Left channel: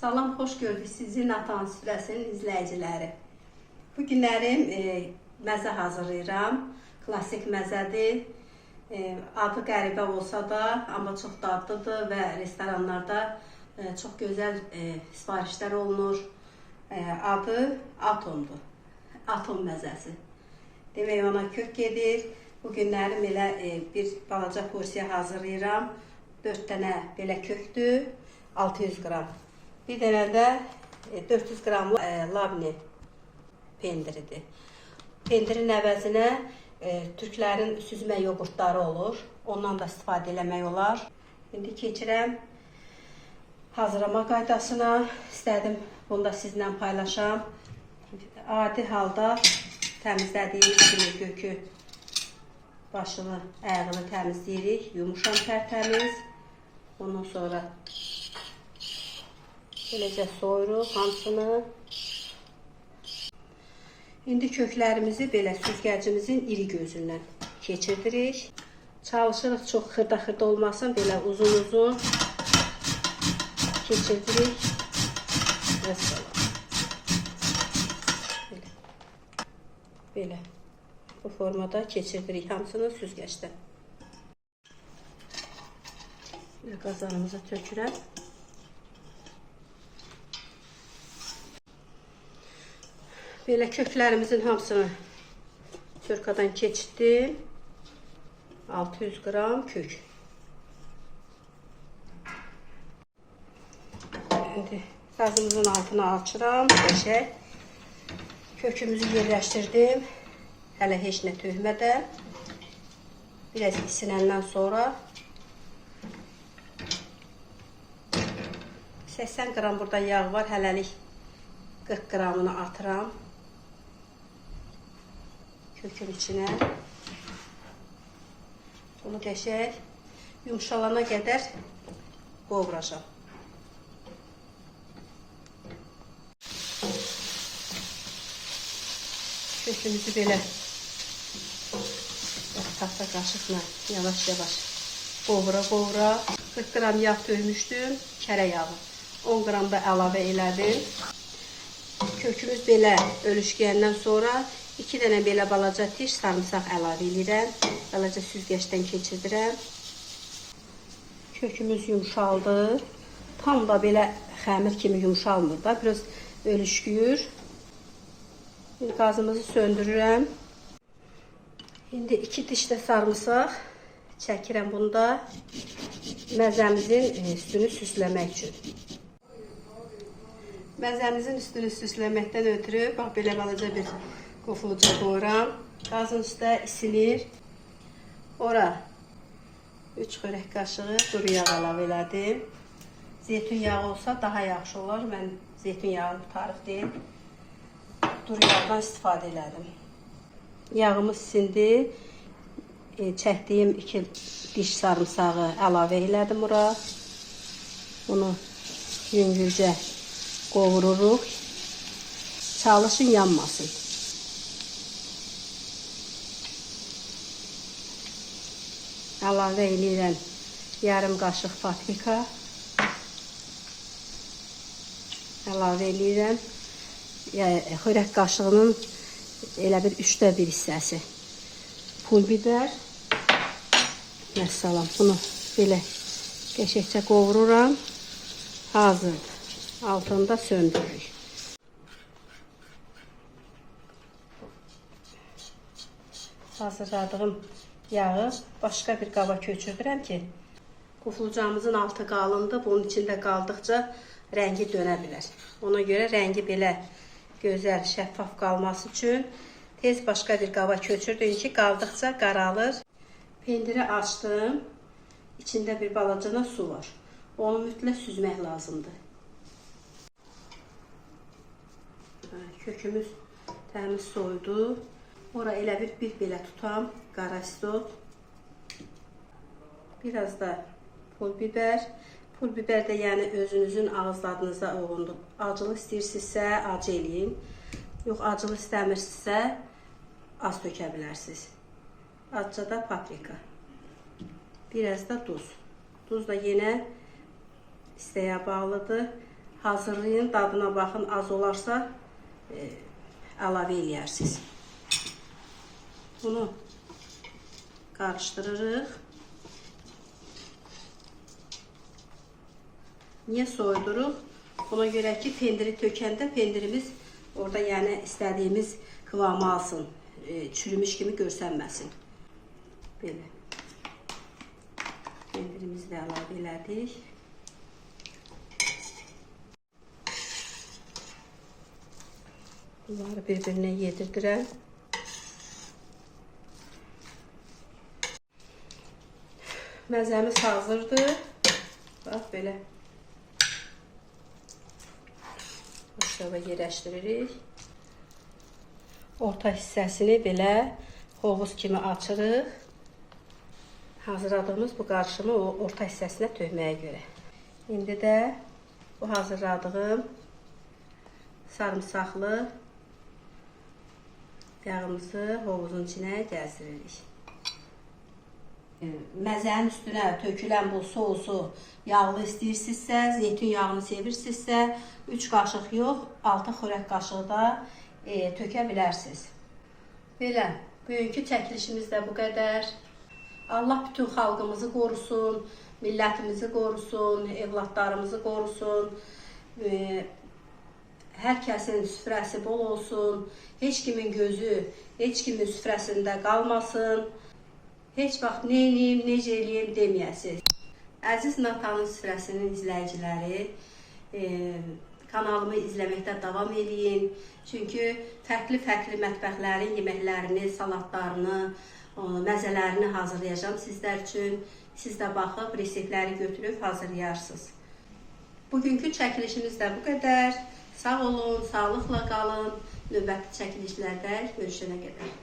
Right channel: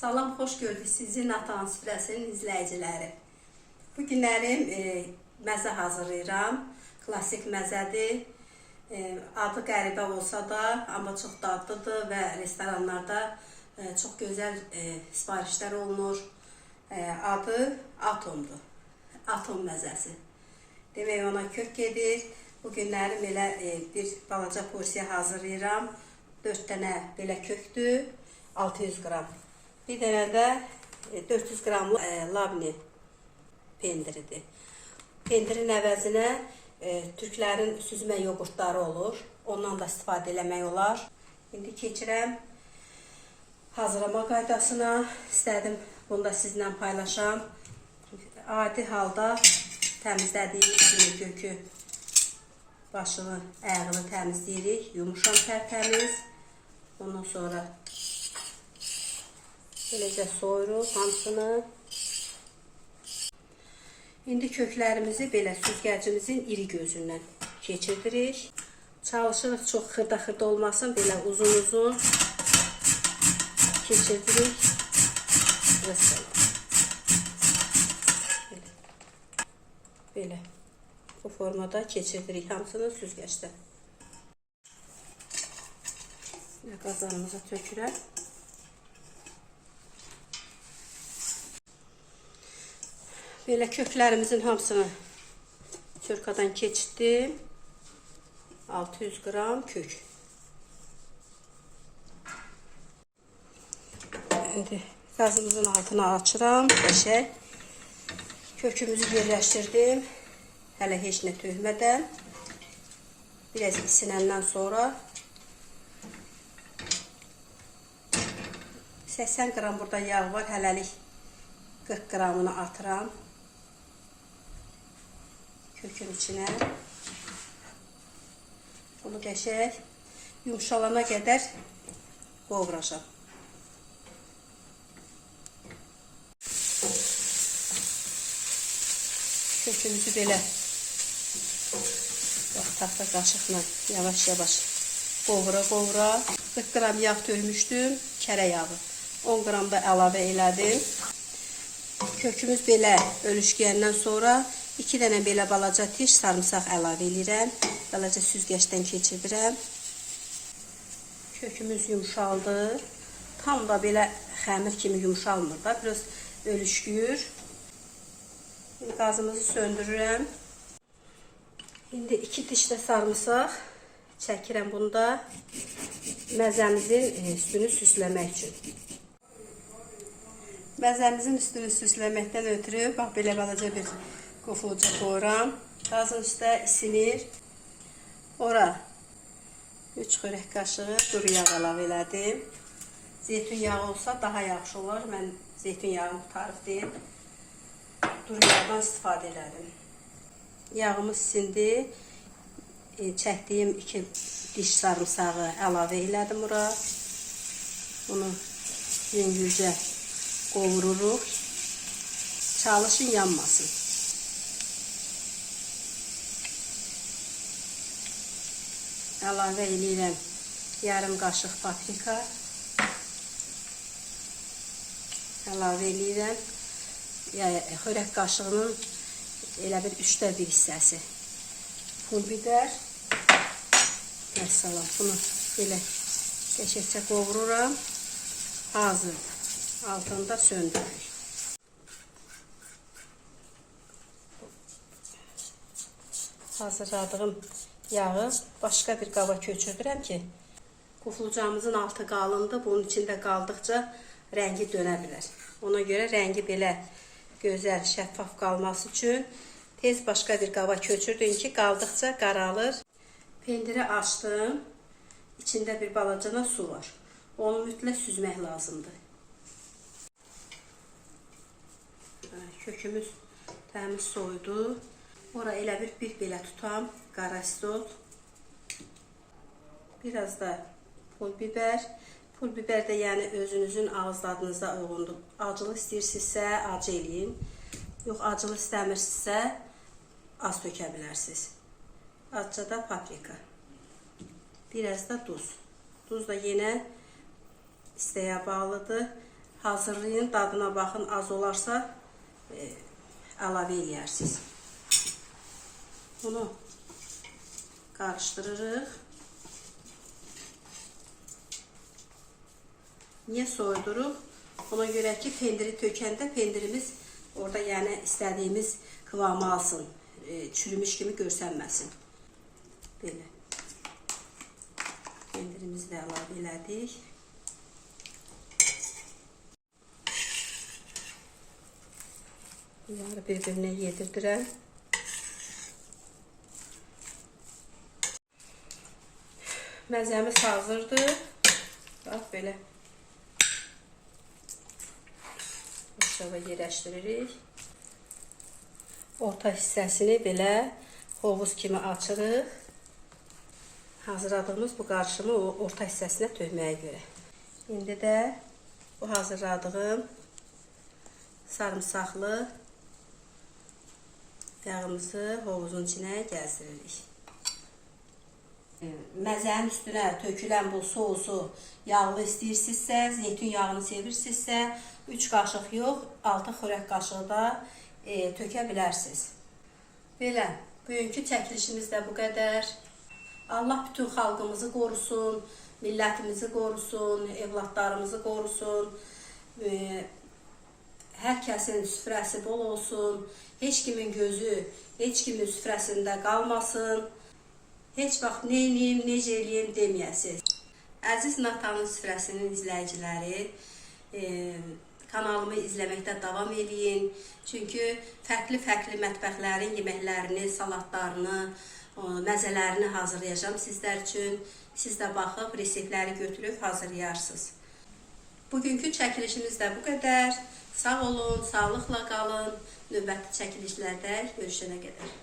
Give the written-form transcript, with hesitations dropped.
Salam, xoş gördük sizi Natan Süfrəsinin izləyiciləri. Bu günlərim məzə hazırlayıram. Klasik məzədir. Adı qəribə olsa da, amma çox dadlıdır və restoranlarda çox gözəl sifarişlər olunur. Adı Atomdur. Atom məzəsi. Demək ona kök gedir. Bu günlərim elə bir balaca porsiya hazırlayıram. 4 dənə belə köktür, 600 qram. Bir dənə də 400 qramlı labne pendiridir. Pendirin əvəzinə türklərin süzmə yoğurtları olur. Ondan da istifadə eləmək olar. İndi keçirəm hazırlama qaydasına. İstədim bunu da sizlə paylaşam. Adi halda təmizlədiyimiz kimi kökü, başını, ayağını təmizləyirik. Yumuşam tərtəmiz. Ondan sonra beləcə soyuruq hamısını. İndi köklərimizi belə süzgəcimizin iri gözündən keçirdirik. Çalışırıq çox xırda olmasın. Belə uzun keçirdirik. Belə bu formada keçirdirik hamısını süzgəcdən. Qazanımıza tökürəm. Belə köklərimizin hamısını çörkadan keçirdim. 600 qram kök. İndi qazımızın altına açıram. Kökümüzü yerləşdirdim. Hələ heç nə tökmədən. Biraz isinəndən sonra 80 qram burada yağ var. Hələlik 40 qramını atıram kökün içine. Bunu qəşəng yumuşalana qədər qovuracam. Kökümüzü belə taxta qaşıqla yavaş qovura. 40 qram yağ tökmüşdüm, kərə yağı. 10 qram da əlavə elədim. Kökümüz belə ölüşkəyəndən sonra 2 dənə belə balaca tiş sarımsaq əlavə edirəm. Balaca süzgəcdən keçirdirəm. Kökümüz yumşaldı. Tam da belə xəmir kimi yumşalmır da. Biraz ölüşküyür. Qazımızı söndürürəm. İndi 2 diş də sarımsaq çəkirəm bunda. Məzəmizin üstünü süsləmək üçün. Məzəmizin üstünü süsləməkdən ötürü bax belə balaca bir qofulca qoyuram. Qazın üstə isinir. Ora 3 xörək qaşığı quru yağ əlavə elədim. Zeytun yağı olsa daha yaxşı olar. Mən zeytun yağı tarif deyil. Duru yağdan istifadə elədim. Yağımız isindi. Çəkdiyim 2 diş sarımsağı əlavə elədim ora. Bunu yüngülcə qovururuq. Çalışın yanmasın. Əlavə edirəm yarım qaşıq paprika. Əlavə edirəm xörək qaşığının elə bir 3də 1 hissəsi pul biber. Məsələn, bunu belə qəşəngcə qovururam. Hazır. Altında söndürürük. Hazırladığım yağı başqa bir qaba köçürdürəm ki, qufulcamızın altı qalındır. Bunun içində qaldıqca rəngi dönə bilər. Ona görə rəngi belə gözəl, şəffaf qalması üçün tez başqa bir qaba köçürdüm ki, qaldıqca qaralır. Pendiri açdım. İçində bir balacana su var. Onu mütləq süzmək lazımdır. Kökümüz təmiz soydu. Ora elə bir belə tutam. Qara istot. Biraz da pul biber. Pul biber də yəni özünüzün ağız dadınıza uyğundur. Acılı istəyirsinizsə acı eləyin. Yox, acılı istəmirsinizsə az tökə bilərsiniz. Azca da paprika. Biraz da duz. Duz da yenə isteğe bağlıdır. hazırlayın, dadına baxın, az olarsa əlavə eləyərsiniz. Bunu qarışdırırıq. Niyə soyduruq? Ona görə ki, pendiri tökəndə pendirimiz orada yəni istədiyimiz kıvamı alsın, çürümüş kimi görsənməsin. Belə. Pendirimizi də əlavə elədik. Bunları bir-birinə yedirdirəm. Məzəmiz hazırdır. Bax, belə. Aşağı yerləşdiririk. Orta hissəsini belə hovuz kimi açırıq. Hazırladığımız bu qarışımı o orta hissəsinə tökməyə görə. İndi də bu hazırladığım sarımsaqlı yağımızı hovuzun içinə gəzdiririk. Məzənin üstünə tökülən bu sousu yağlı istəyirsinizsə, zeytun yağını sevirsinizsə, 3 qaşıq yox, 6 xörək qaşığı da tökə bilərsiniz. Belə, bugünkü çəkilişimiz də bu qədər. Allah bütün xalqımızı qorusun, millətimizi qorusun, evlatlarımızı qorusun. Hər kəsin süfrəsi bol olsun, heç kimin gözü, heç kimin süfrəsində qalmasın. Heç vaxt neyniyim, necə eləyim deməyəsiniz. Əziz Natanın süfrəsinin izləyiciləri, kanalımı izləməkdə davam eləyin. Çünki fərqli mətbəxlərin yeməklərini, salatlarını, məzələrini hazırlayacağım sizlər üçün. Siz də baxıb, reseptləri götürüb hazırlayarsınız. Bugünkü çəkilişimiz də bu qədər. Sağ olun, sağlıqla qalın. Növbəti çəkilişlərdə görüşənə qədər.